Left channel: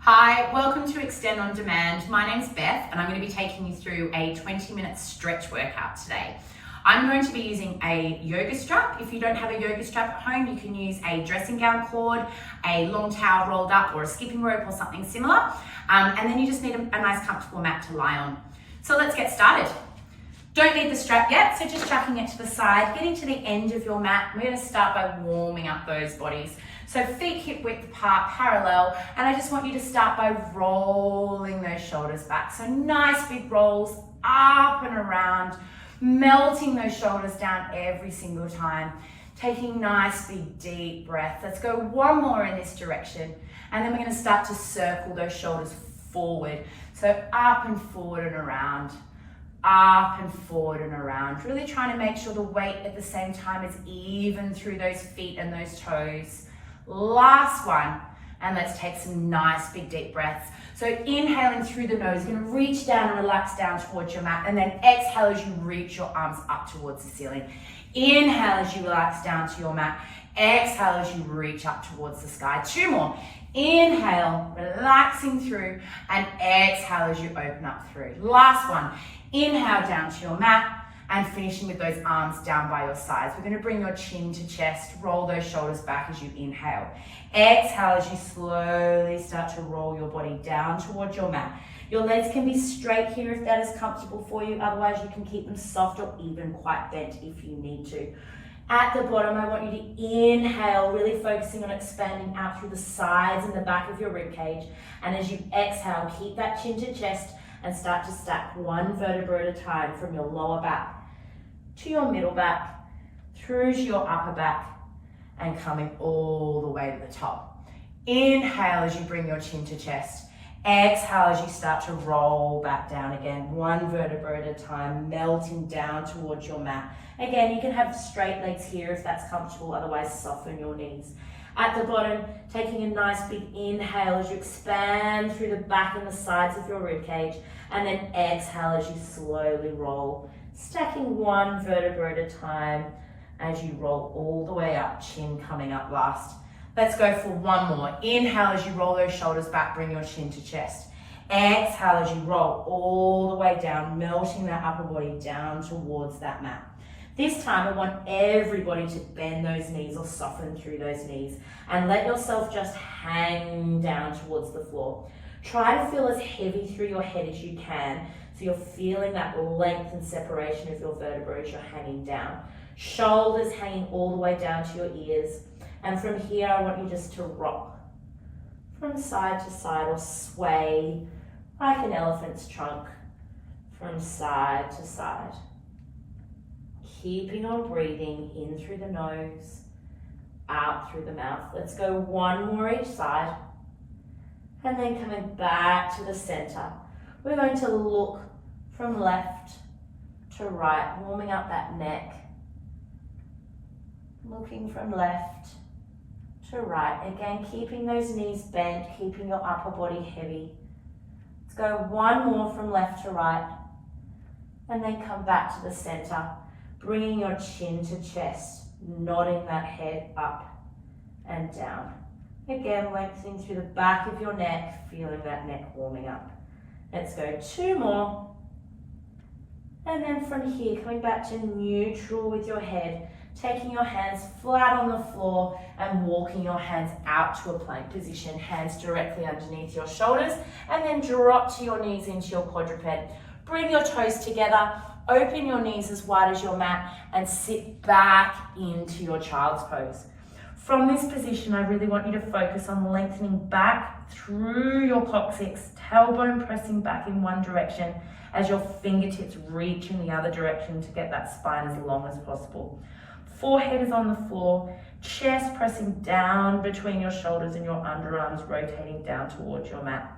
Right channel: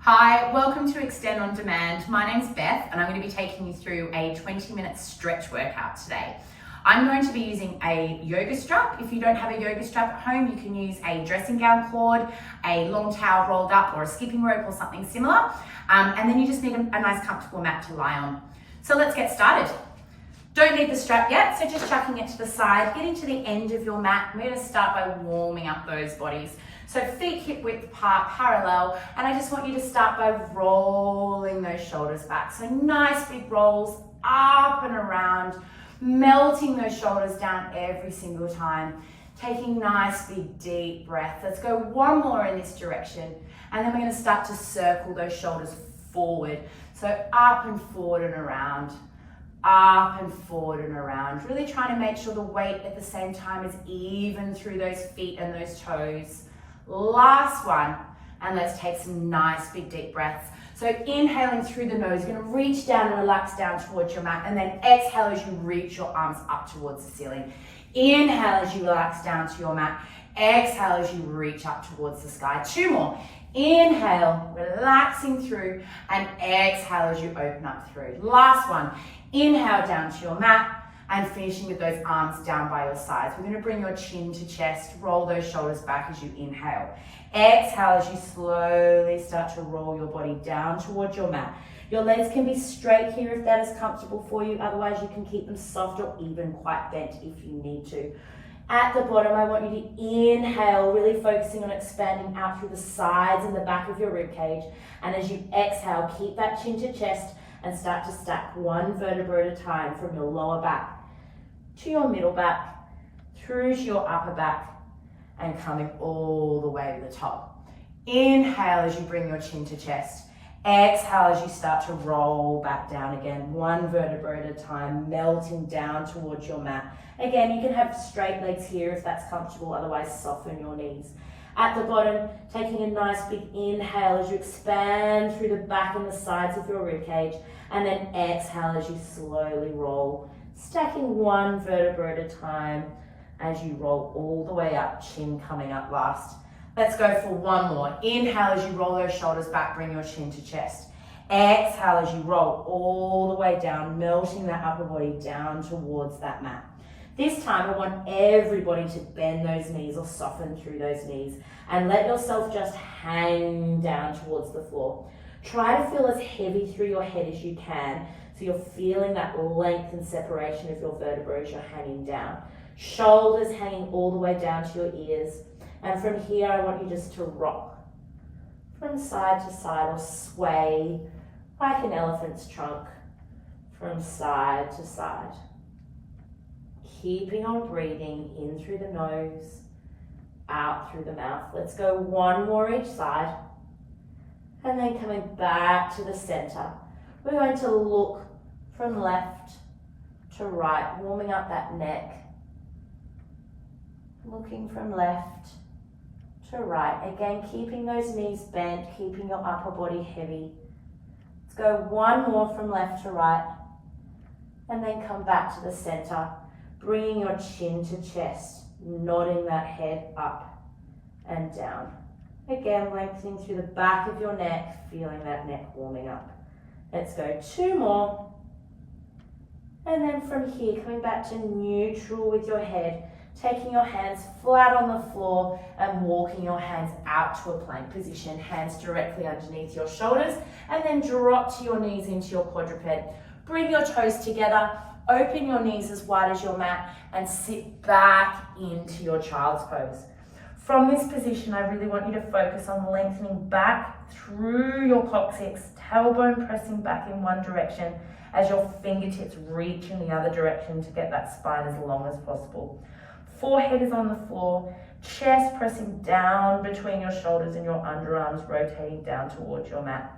Hi, welcome to Extend On Demand. My name's Beth and I'm going to be taking you through a 20-minute stretch workout today. I'm going to be using a yoga strap. If you don't have a yoga strap at home, you can use a dressing gown cord, a long towel rolled up, or a skipping rope or something similar. And then you just need a nice comfortable mat to lie on. So let's get started. Don't need the strap yet, so just chucking it to the side, getting to the end of your mat. We're going to start by warming up those bodies. So feet hip width apart, parallel, and I just want you to start by rolling those shoulders back. So nice big rolls up and around, melting those shoulders down every single time. Taking nice big deep breath. Let's go one more in this direction, and then we're going to start to circle those shoulders forward. So up and forward and around. Up and forward and around, really trying to make sure the weight at the same time is even through those feet and those toes. Last one, and let's take some nice big deep breaths. So inhaling through the nose, you're going to reach down and relax down towards your mat, and then exhale as you reach your arms up towards the ceiling. Inhale as you relax down to your mat. Exhale as you reach up towards the sky. Two more. Inhale, relaxing through, and exhale as you open up through. Last one. Inhale down to your mat and finishing with those arms down by your sides. We're going to bring your chin to chest, roll those shoulders back as you inhale. Exhale as you slowly start to roll your body down towards your mat. Your legs can be straight here if that is comfortable for you. Otherwise, you can keep them soft or even quite bent if you need to. At the bottom, I want you to inhale, really focusing on expanding out through the sides and the back of your ribcage. And as you exhale, keep that chin to chest and start to stack one vertebra at a time from your lower back to your middle back, through to your upper back, and coming all the way to the top. Inhale as you bring your chin to chest. Exhale as you start to roll back down again, one vertebra at a time, melting down towards your mat. Again, you can have straight legs here if that's comfortable, otherwise soften your knees. At the bottom, taking a nice big inhale as you expand through the back and the sides of your ribcage, and then exhale as you slowly roll, stacking one vertebra at a time as you roll all the way up, chin coming up last. Let's go for one more. Inhale as you roll those shoulders back, bring your chin to chest. Exhale as you roll all the way down, melting that upper body down towards that mat. This time I want everybody to bend those knees or soften through those knees and let yourself just hang down towards the floor. Try to feel as heavy through your head as you can, so you're feeling that length and separation of your vertebrae as you're hanging down. Shoulders hanging all the way down to your ears. And from here, I want you just to rock from side to side or sway like an elephant's trunk from side to side. Keeping on breathing in through the nose, out through the mouth. Let's go one more each side. And then coming back to the center. We're going to look from left to right, warming up that neck. Looking from left to right. Again, keeping those knees bent, keeping your upper body heavy. Let's go one more from left to right. And then come back to the center. Bringing your chin to chest, nodding that head up and down. Again, lengthening through the back of your neck, feeling that neck warming up. Let's go two more. And then from here, coming back to neutral with your head, taking your hands flat on the floor and walking your hands out to a plank position, hands directly underneath your shoulders, and then drop to your knees into your quadruped. Bring your toes together. Open your knees as wide as your mat and sit back into your child's pose. From this position, I really want you to focus on lengthening back through your coccyx, tailbone pressing back in one direction as your fingertips reach in the other direction to get that spine as long as possible. Forehead is on the floor, chest pressing down between your shoulders and your underarms rotating down towards your mat.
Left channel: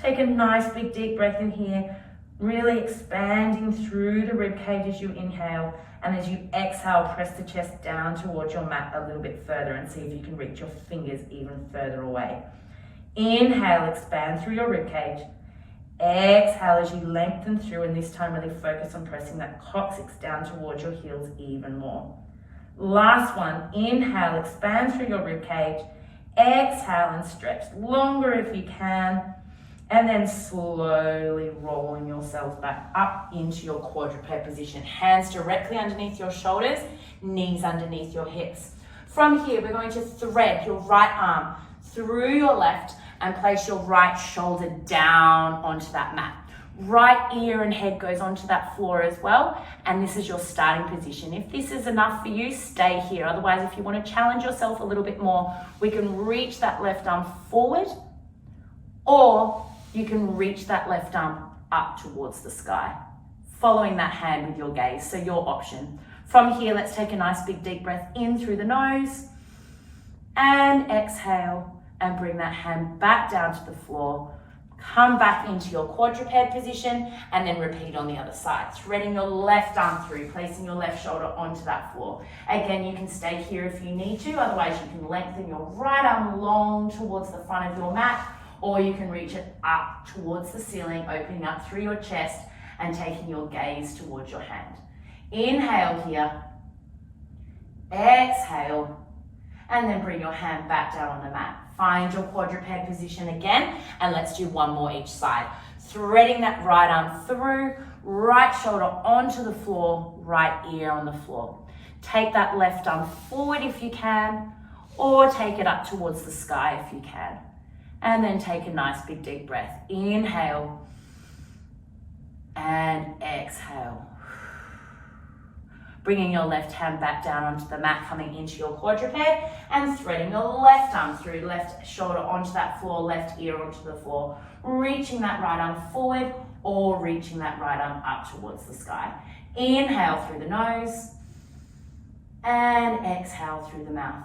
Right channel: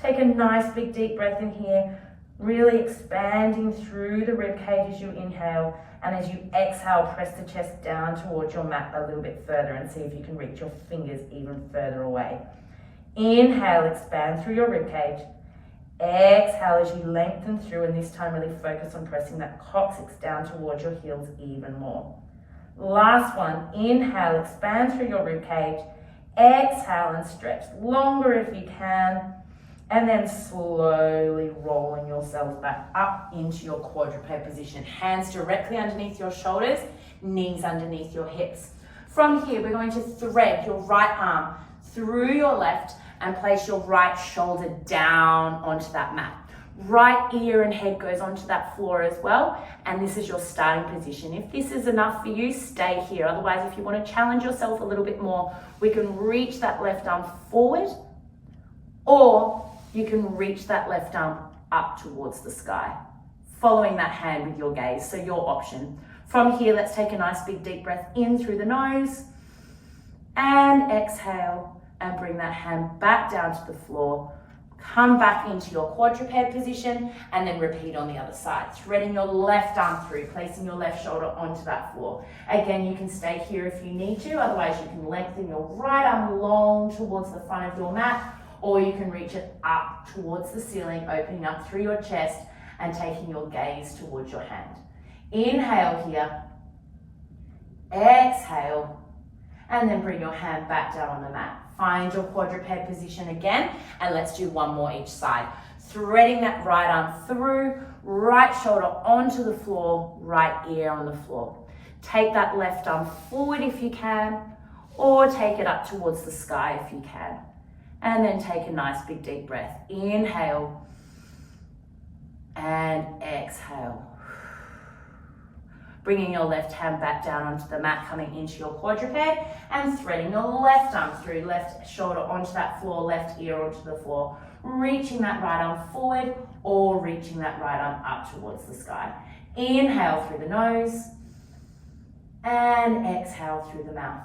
Take a nice big deep breath in here. Really expanding through the rib cage as you inhale, and as you exhale, press the chest down towards your mat a little bit further and see if you can reach your fingers even further away. Inhale, expand through your rib cage. Exhale as you lengthen through, and this time really focus on pressing that coccyx down towards your heels even more. Last one, inhale, expand through your rib cage. exhale and stretch longer if you can. And then slowly rolling yourselves back up into your quadruped position. Hands directly underneath your shoulders, knees underneath your hips. From here, we're going to thread your right arm through your left and place your right shoulder down onto that mat. Right ear and head goes onto that floor as well. And this is your starting position. If this is enough for you, stay here. Otherwise, if you want to challenge yourself a little bit more, we can reach that left arm forward, or you can reach that left arm up towards the sky, following that hand with your gaze. So your option. From here, let's take a nice big deep breath in through the nose and exhale and bring that hand back down to the floor. Come back into your quadruped position and then repeat on the other side. Threading your left arm through, placing your left shoulder onto that floor. Again, you can stay here if you need to. Otherwise, you can lengthen your right arm long towards the front of your mat, or you can reach it up towards the ceiling, opening up through your chest and taking your gaze towards your hand. Inhale here, exhale, and then bring your hand back down on the mat. Find your quadruped position again, and let's do one more each side. Threading that right arm through, right shoulder onto the floor, right ear on the floor. Take that left arm forward if you can, or take it up towards the sky if you can. And then take a nice big deep breath. Inhale and exhale. Bringing your left hand back down onto the mat, coming into your quadruped, and threading your left arm through, left shoulder onto that floor, left ear onto the floor. Reaching that right arm forward, or reaching that right arm up towards the sky. Inhale through the nose and exhale through the mouth.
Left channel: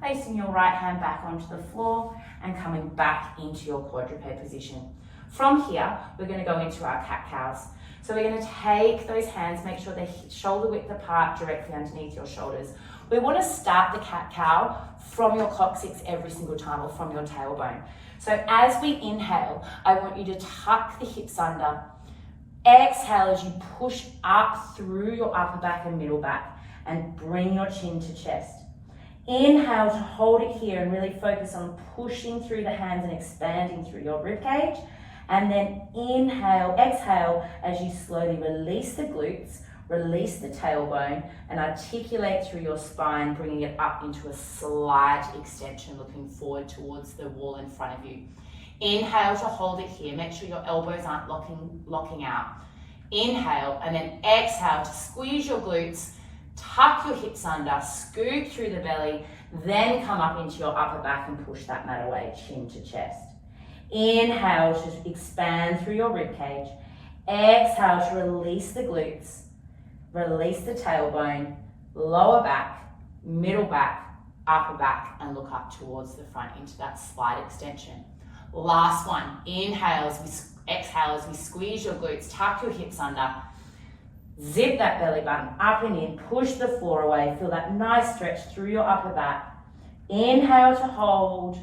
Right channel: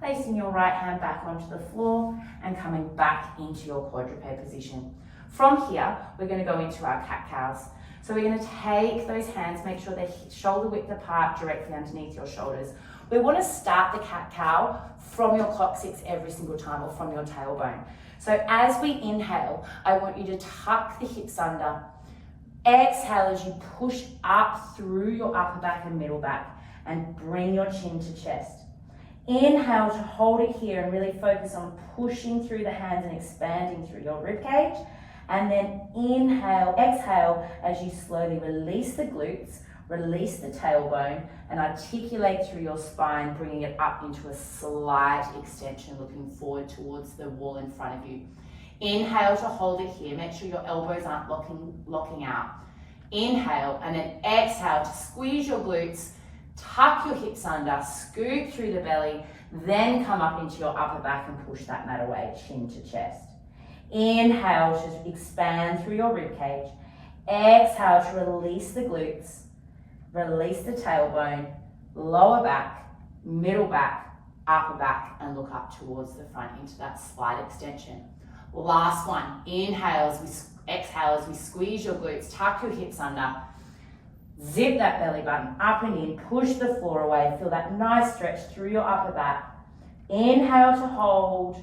Placing your right hand back onto the floor and coming back into your quadruped position. From here, we're going to go into our cat-cows. So we're going to take those hands, make sure they're shoulder width apart, directly underneath your shoulders. We want to start the cat-cow from your coccyx every single time, or from your tailbone. So as we inhale, I want you to tuck the hips under. Exhale as you push up through your upper back and middle back, and bring your chin to chest. Inhale to hold it here and really focus on pushing through the hands and expanding through your rib cage. And then exhale as you slowly release the glutes, release the tailbone, and articulate through your spine, bringing it up into a slight extension, looking forward towards the wall in front of you. Inhale to hold it here. Make sure your elbows aren't locking out. Inhale, and then exhale to squeeze your glutes, tuck your hips under, scoop through the belly, then come up into your upper back and push that mat away, chin to chest. Inhale to expand through your rib cage. Exhale to release the glutes, release the tailbone, lower back, middle back, upper back, and look up towards the front into that slight extension. Last one. Exhale as we squeeze your glutes, tuck your hips under, zip that belly button up and in, push the floor away, feel that nice stretch through your upper back. Inhale to hold.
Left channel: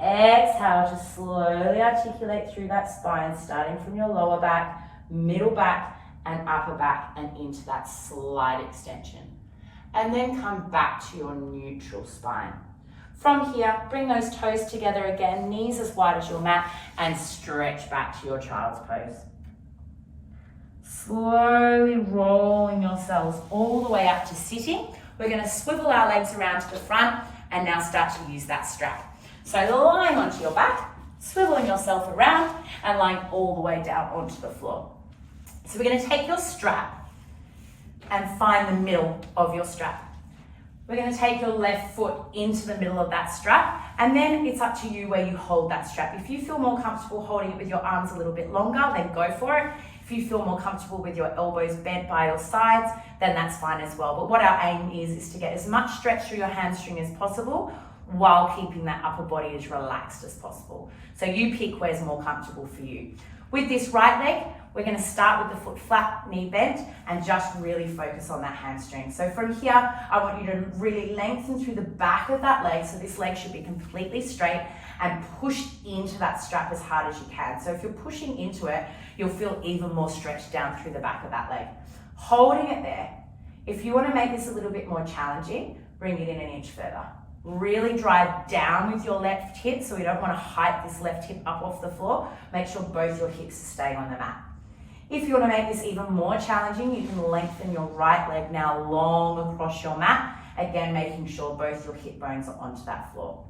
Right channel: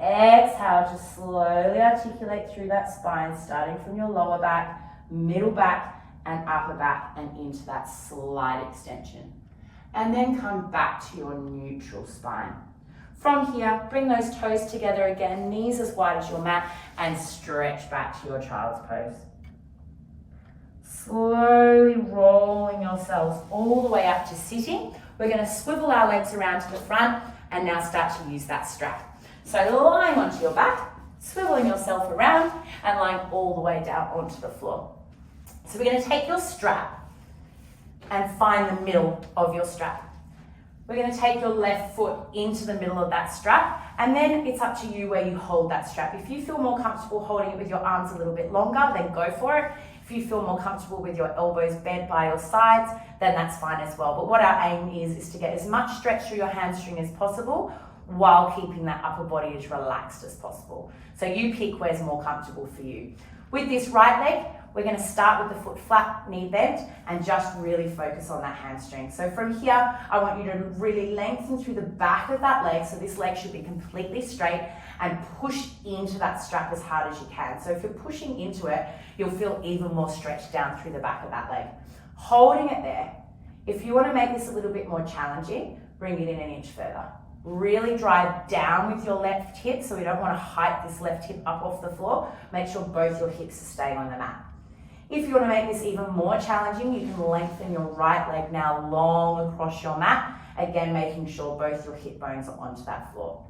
Exhale to slowly articulate through that spine, starting from your lower back, middle back, and upper back, and into that slight extension. And then come back to your neutral spine. From here, bring those toes together again, knees as wide as your mat, and stretch back to your child's pose. Slowly rolling yourselves all the way up to sitting. We're going to swivel our legs around to the front and now start to use that strap. So lying onto your back, swiveling yourself around and lying all the way down onto the floor. So we're going to take your strap and find the middle of your strap. We're going to take your left foot into the middle of that strap, and then it's up to you where you hold that strap. If you feel more comfortable holding it with your arms a little bit longer, then go for it. If you feel more comfortable with your elbows bent by your sides, then that's fine as well. But what our aim is to get as much stretch through your hamstring as possible while keeping that upper body as relaxed as possible. So you pick where's more comfortable for you. With this right leg, we're going to start with the foot flat, knee bent, and just really focus on that hamstring. So from here, I want you to really lengthen through the back of that leg. So this leg should be completely straight, and push into that strap as hard as you can. So if you're pushing into it, you'll feel even more stretched down through the back of that leg. Holding it there. If you want to make this a little bit more challenging, bring it in an inch further. Really drive down with your left hip, so we don't want to hike this left hip up off the floor. Make sure both your hips are staying on the mat. If you want to make this even more challenging, you can lengthen your right leg now long across your mat. Again, making sure both your hip bones are onto that floor.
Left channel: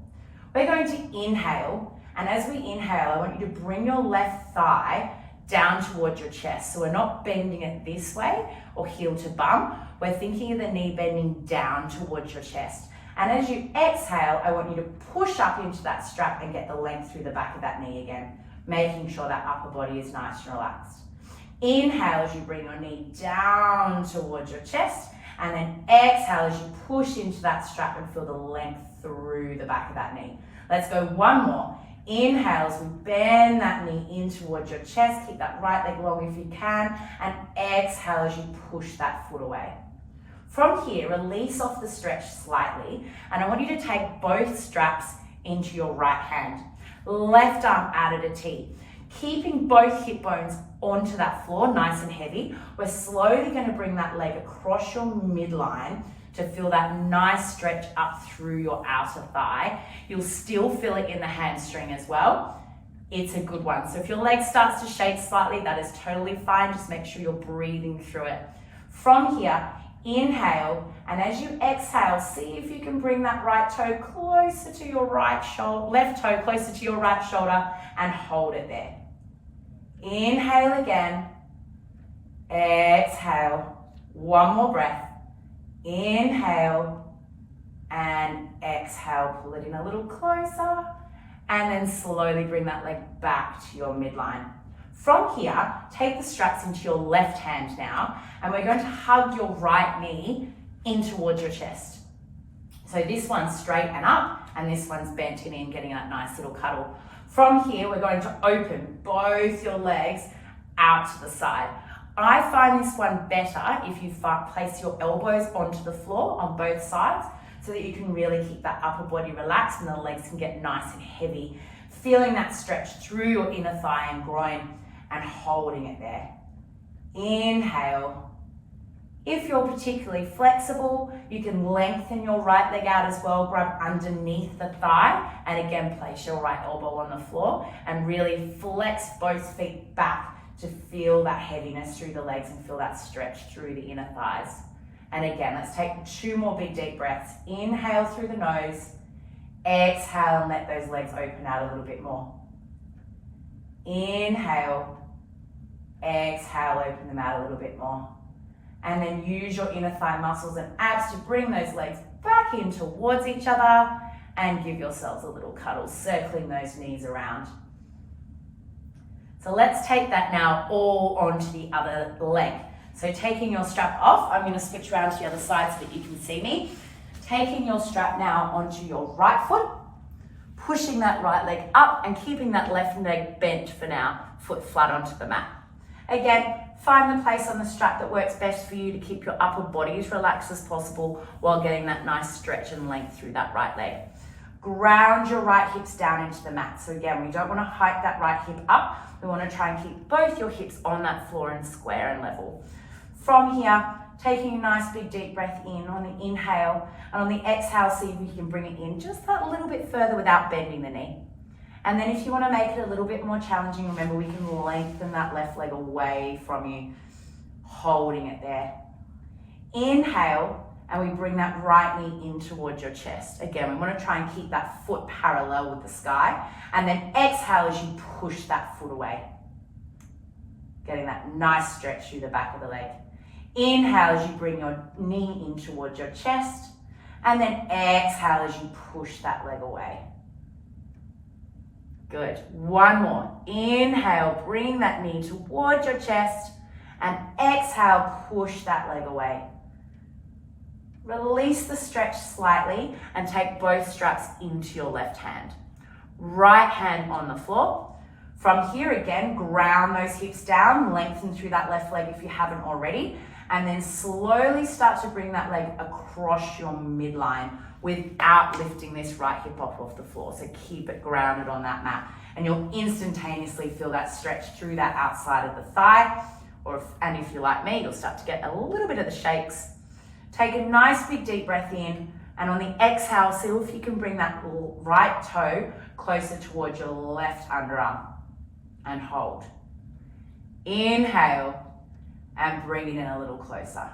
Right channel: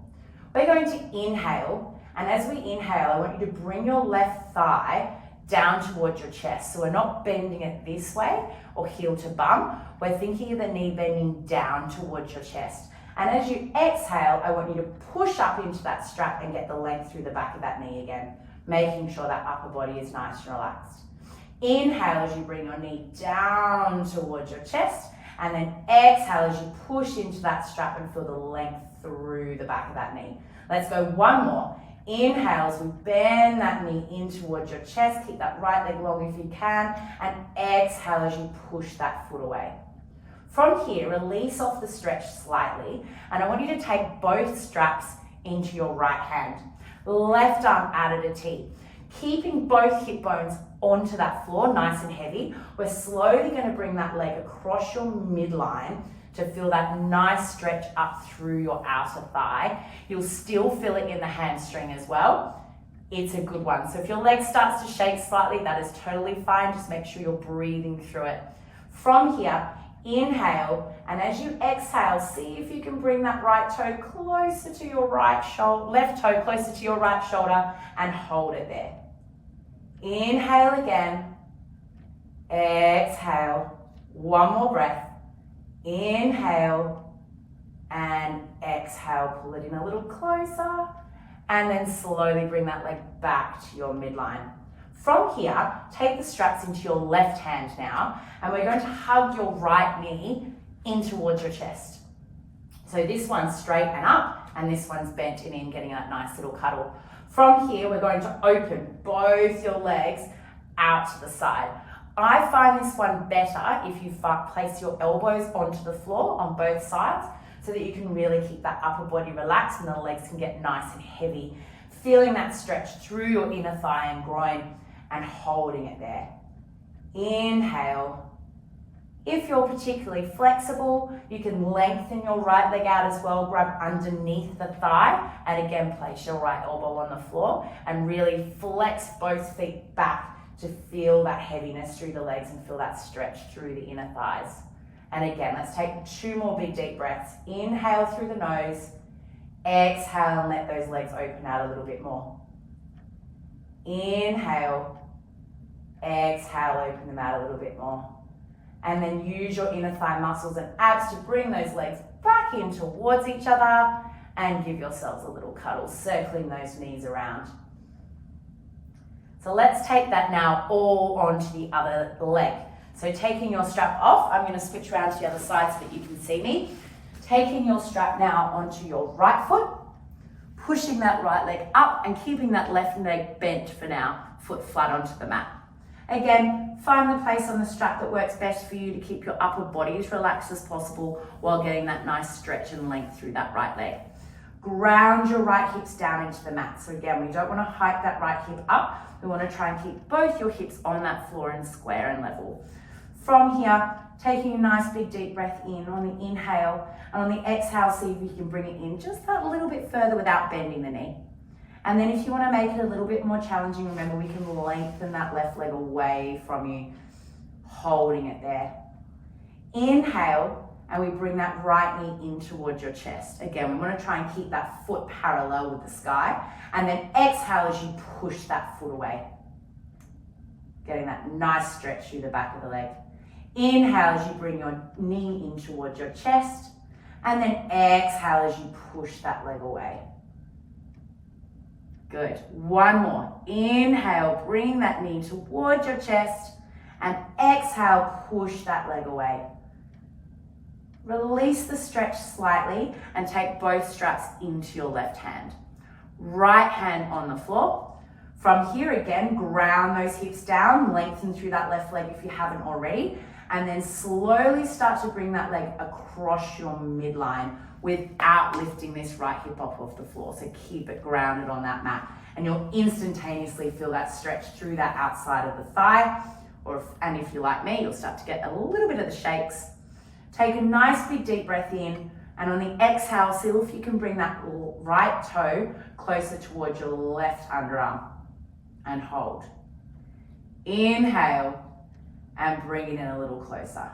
We're going to inhale, and as we inhale, I want you to bring your left thigh down towards your chest. So we're not bending it this way or heel to bum. We're thinking of the knee bending down towards your chest. And as you exhale, I want you to push up into that strap and get the length through the back of that knee again, making sure that upper body is nice and relaxed. Inhale as you bring your knee down towards your chest, and then exhale as you push into that strap and feel the length through the back of that knee. Let's go one more. Inhale as we bend that knee in towards your chest, keep that right leg long if you can, and exhale as you push that foot away. From here, release off the stretch slightly, and I want you to take both straps into your right hand. Left arm out at a T. Keeping both hip bones onto that floor, nice and heavy. We're slowly going to bring that leg across your midline to feel that nice stretch up through your outer thigh. You'll still feel it in the hamstring as well. It's a good one. So if your leg starts to shake slightly, that is totally fine. Just make sure you're breathing through it. From here, inhale, and as you exhale, see if you can bring that right toe closer to your right shoulder, left toe closer to your right shoulder, and hold it there. Inhale again, exhale, one more breath. Inhale and exhale, pull it in a little closer, and then slowly bring that leg back to your midline. From here, take the straps into your left hand now, and we're going to hug your right knee in towards your chest. So this one's straight and up, and this one's bent and in, getting that nice little cuddle. From here, we're going to open both your legs out to the side. I find this one better if you place your elbows onto the floor on both sides, so that you can really keep that upper body relaxed and the legs can get nice and heavy. Feeling that stretch through your inner thigh and groin, and holding it there. Inhale. If you're particularly flexible, you can lengthen your right leg out as well, grab underneath the thigh, and again place your right elbow on the floor and really flex both feet back to feel that heaviness through the legs and feel that stretch through the inner thighs. And again, let's take 2 more big deep breaths. Inhale through the nose, exhale and let those legs open out a little bit more. Inhale, exhale, open them out a little bit more. And then use your inner thigh muscles and abs to bring those legs back in towards each other and give yourselves a little cuddle, circling those knees around. So let's take that now all onto the other leg. So taking your strap off, I'm going to switch around to the other side so that you can see me. Taking your strap now onto your right foot, pushing that right leg up and keeping that left leg bent for now, foot flat onto the mat. Again, find the place on the strap that works best for you to keep your upper body as relaxed as possible while getting that nice stretch and length through that right leg. Ground your right hips down into the mat. So again, we don't want to hike that right hip up. We want to try and keep both your hips on that floor and square and level. From here, taking a nice big deep breath in on the inhale, and on the exhale, see if you can bring it in just that little bit further without bending the knee. And then if you want to make it a little bit more challenging, remember we can lengthen that left leg away from you, holding it there. Inhale, and we bring that right knee in towards your chest. Again, we want to try and keep that foot parallel with the sky. And then exhale as you push that foot away. Getting that nice stretch through the back of the leg. Inhale as you bring your knee in towards your chest. And then exhale as you push that leg away. Good. One more. Inhale, bring that knee towards your chest. And exhale, push that leg away. Release the stretch slightly and take both straps into your left hand. Right hand on the floor. From here again, ground those hips down, lengthen through that left leg if you haven't already, and then slowly start to bring that leg across your midline without lifting this right hip up off the floor. So keep it grounded on that mat, and you'll instantaneously feel that stretch through that outside of the thigh, and if you're like me, you'll start to get a little bit of the shakes. Take a nice big deep breath in, And on the exhale, see if you can bring that right toe closer towards your left underarm and hold. Inhale and bring it in a little closer.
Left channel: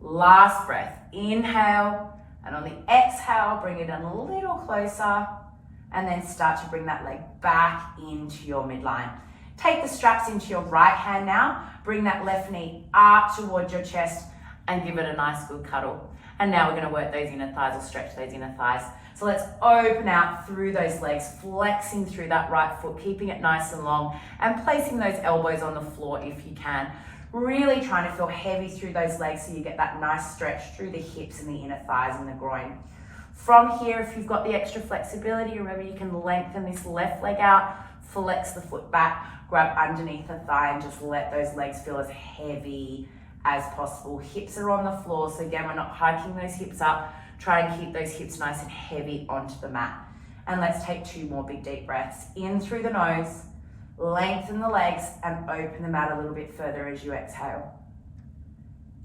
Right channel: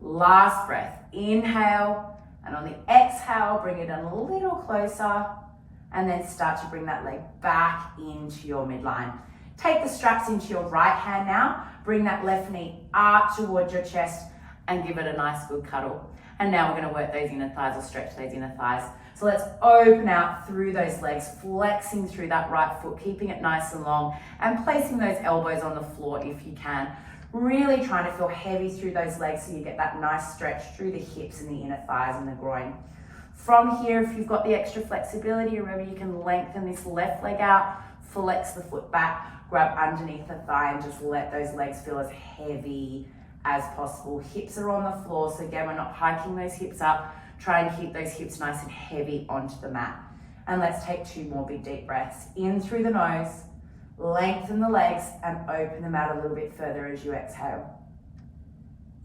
Last breath, inhale, and on the exhale, bring it in a little closer, and then start to bring that leg back into your midline. Take the straps into your right hand now, bring that left knee up towards your chest and give it a nice good cuddle. And now we're gonna work those inner thighs or stretch those inner thighs. So let's open out through those legs, flexing through that right foot, keeping it nice and long, and placing those elbows on the floor if you can. Really trying to feel heavy through those legs so you get that nice stretch through the hips and the inner thighs and the groin. From here, if you've got the extra flexibility, remember you can lengthen this left leg out, flex the foot back, grab underneath the thigh and just let those legs feel as heavy as possible. Hips are on the floor, so again, we're not hiking those hips up. Try and keep those hips nice and heavy onto the mat. And let's take 2 more big deep breaths. In through the nose, lengthen the legs and open them out a little bit further as you exhale.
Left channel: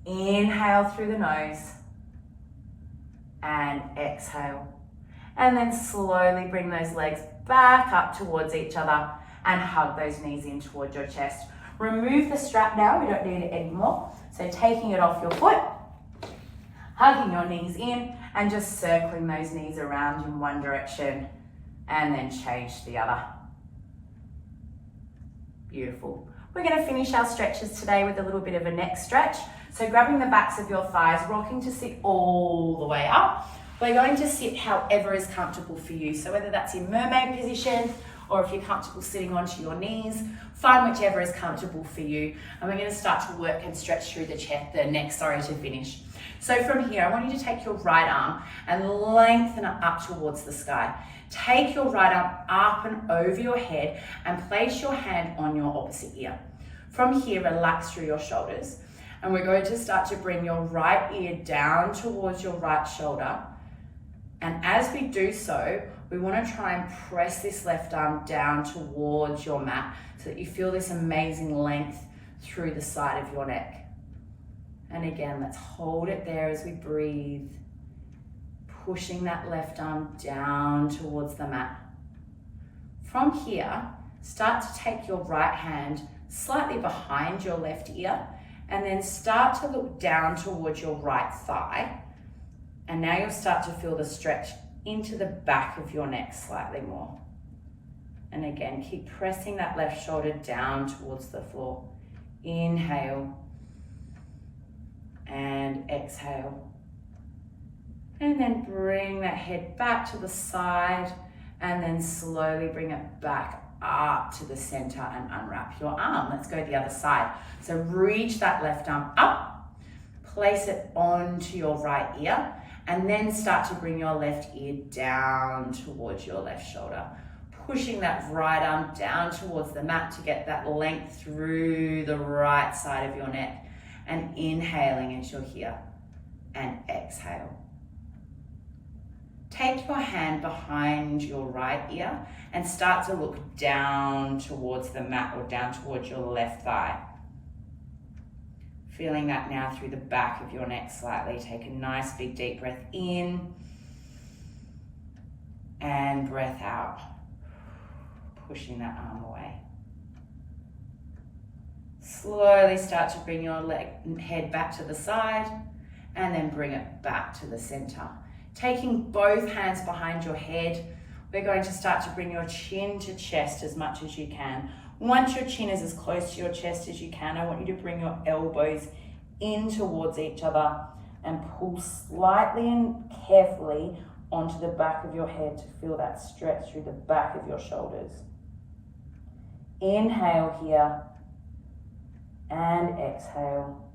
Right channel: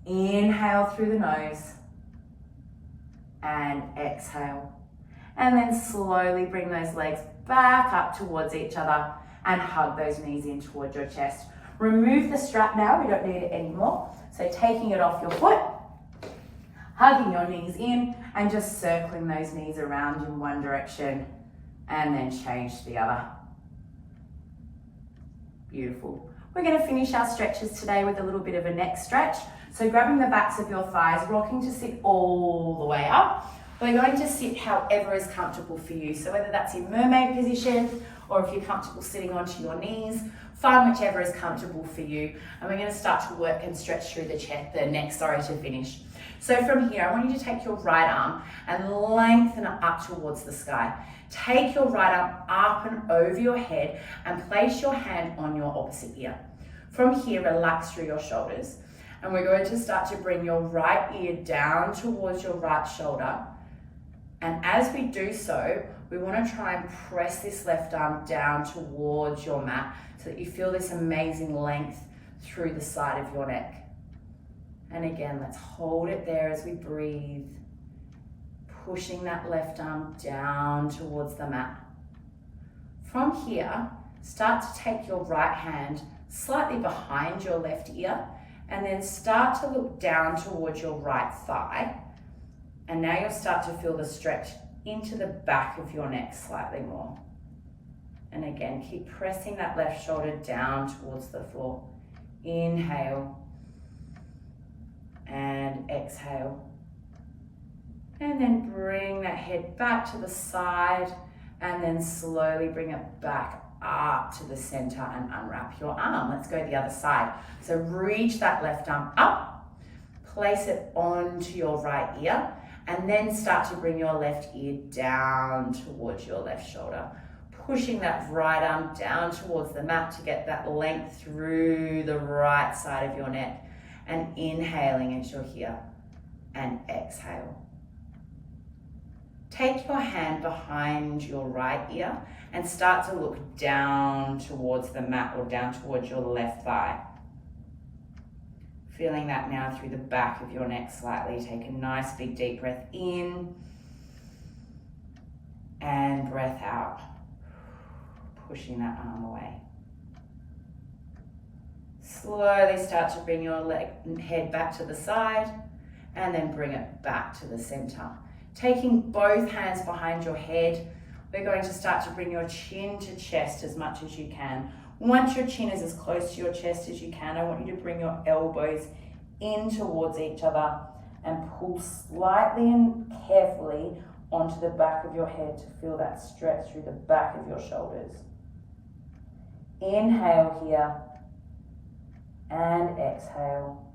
Inhale through the nose and exhale. And then slowly bring those legs back up towards each other and hug those knees in towards your chest. Remove the strap now, we don't need it anymore. So taking it off your foot, hugging your knees in and just circling those knees around in one direction and then change to the other. Beautiful. We're going to finish our stretches today with a little bit of a neck stretch. So grabbing the backs of your thighs, rocking to sit all the way up. We're going to sit however is comfortable for you. So whether that's in mermaid position or if you're comfortable sitting onto your knees, find whichever is comfortable for you. And we're going to start to work and stretch through the neck, to finish. So from here, I want you to take your right arm and lengthen it up towards the sky. Take your right arm up and over your head and place your hand on your opposite ear. From here, relax through your shoulders. And we're going to start to bring your right ear down towards your right shoulder. And as we do so, we want to try and press this left arm down towards your mat so that you feel this amazing length through the side of your neck. And again, let's hold it there as we breathe, pushing that left arm down towards the mat. From here, start to take your right hand slightly behind your left ear and then start to look down towards your right thigh. And now you'll start to feel the stretch into the back of your neck slightly more. And again, keep pressing that left shoulder down towards the floor. Inhale and exhale. And then bring that head back to the side and then slowly bring it back up to the center and unwrap your arm. Let's go the other side. So reach that left arm up, place it onto your right ear, and then start to bring your left ear down towards your left shoulder, pushing that right arm down towards the mat to get that length through the right side of your neck, and inhaling as you're here, and exhale. Take your hand behind your right ear and start to look down towards the mat or down towards your left thigh. Feeling that now through the back of your neck slightly. Take a nice big deep breath in and breath out, pushing that arm away. Slowly start to bring your head back to the side and then bring it back to the center. Taking both hands behind your head, we're going to start to bring your chin to chest as much as you can. Once your chin is as close to your chest as you can, I want you to bring your elbows in towards each other and pull slightly and carefully onto the back of your head to feel that stretch through the back of your shoulders. Inhale here and exhale.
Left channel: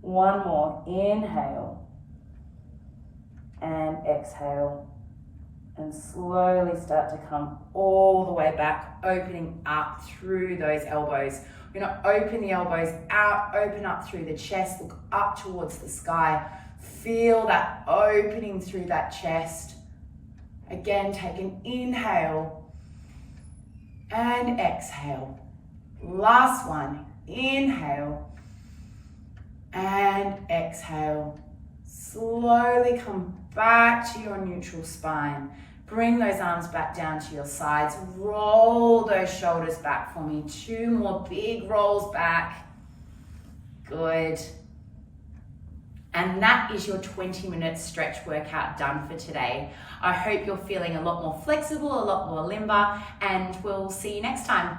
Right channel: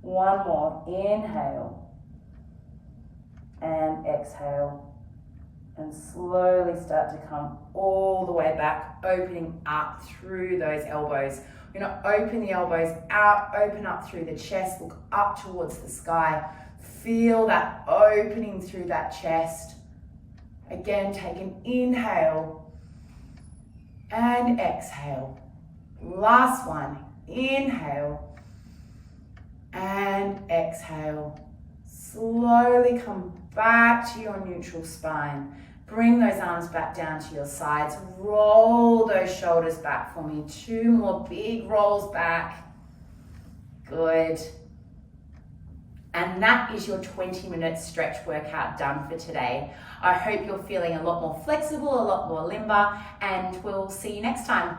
One more. Inhale and exhale. And slowly start to come all the way back, opening up through those elbows. We're going to open the elbows out, open up through the chest, look up towards the sky. Feel that opening through that chest. Again, take an inhale and exhale. Last one, inhale and exhale. slowly come back to your neutral spine. Bring those arms back down to your sides. Roll those shoulders back for me. 2 more big rolls back. Good. And that is your 20-minute stretch workout done for today. I hope you're feeling a lot more flexible, a lot more limber, and we'll see you next time.